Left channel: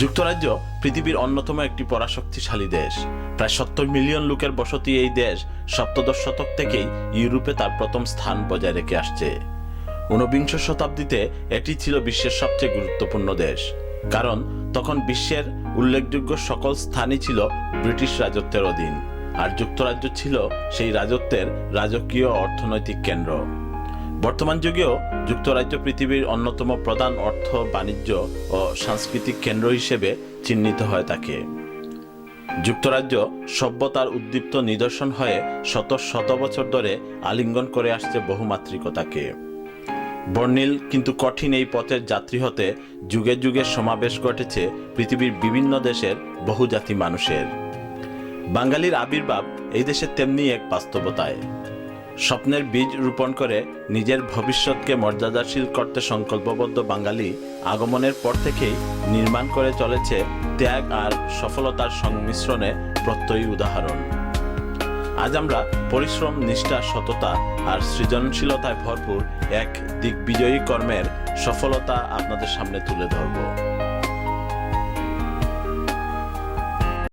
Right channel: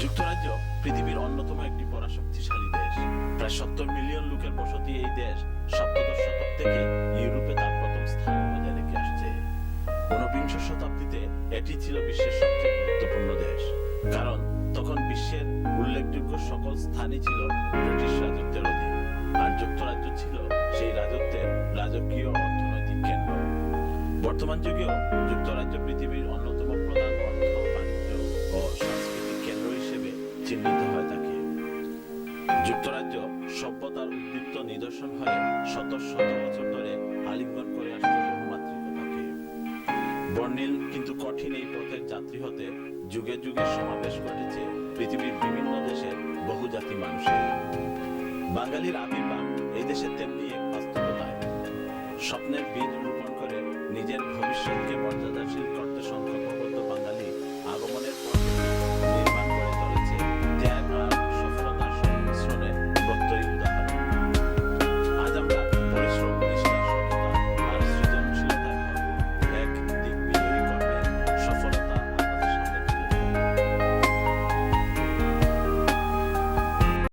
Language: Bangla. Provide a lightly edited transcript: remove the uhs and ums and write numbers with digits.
যুক্তরাজ্য পৃথিবীর অন্যতম একটি পরাশক্তিশালী দেশ। প্রায় 70 মিলিয়ন লোকের বসতি এই দেশ সপ্তদশ শতক থেকেই ইউরোপে তার প্রথম স্থান বজায় রেখে আসছে। ঊনবিংশ শতাব্দীতে এটি ছিল বিশ্বের সবচেয়ে গুরুত্বপূর্ণ দেশ, কারণ তখন বিশ্বের উল্লেখযোগ্য সকল স্থানই ছিল ব্রিটিশ রাজত্বের অধীন, আর যুক্তরাজ্য ছিল সেই রাজত্বের রাজকীয় অর্থনৈতিক কেন্দ্র। বর্তমান যুগেও যুক্তরাজ্য পৃথিবীর অন্যতম প্রধান অর্থ, বাণিজ্য ও সাংস্কৃতিক কেন্দ্র হিসেবে চিহ্নিত হয়ে থাকে। যুক্তরাজ্য সভ্যতার উদ্দীপ্ত নিদর্শন হয়ে শত শত বছর ধরে আলিঙ্গন করে আসছে বহুমাত্রিকতাকে। বর্ণিল কিন্তু কঠিন এই পথের যাত্রী হতে যুগে যুগে সমাবেশ ঘটেছে পৃথিবীর বিভিন্ন দেশের বহুজাতি মানুষের। বাঙালির আবির্ভাব এই দেশে তেমনি এক বাস্তবতায়। স্বপ্নের বীজ রোপণ করে নিজের ভবিষ্যৎকে মর্যাদাশীল করতে সংকল্পবদ্ধ বাঙালি আগমনের পর থেকেই নির্মাণ করে চলেছে ত্যাগ আর সফলতার সংমিশ্রণে প্রত্যয়ী উদাহরণ। আজ আমরা পরিশ্রম, নিষ্ঠা, সততা আর সৃজনশীলতায় ভরপুর এক দিগ্বিজয়ী কর্মের সফলতা আপনাদের সামনে তুলে ধরব।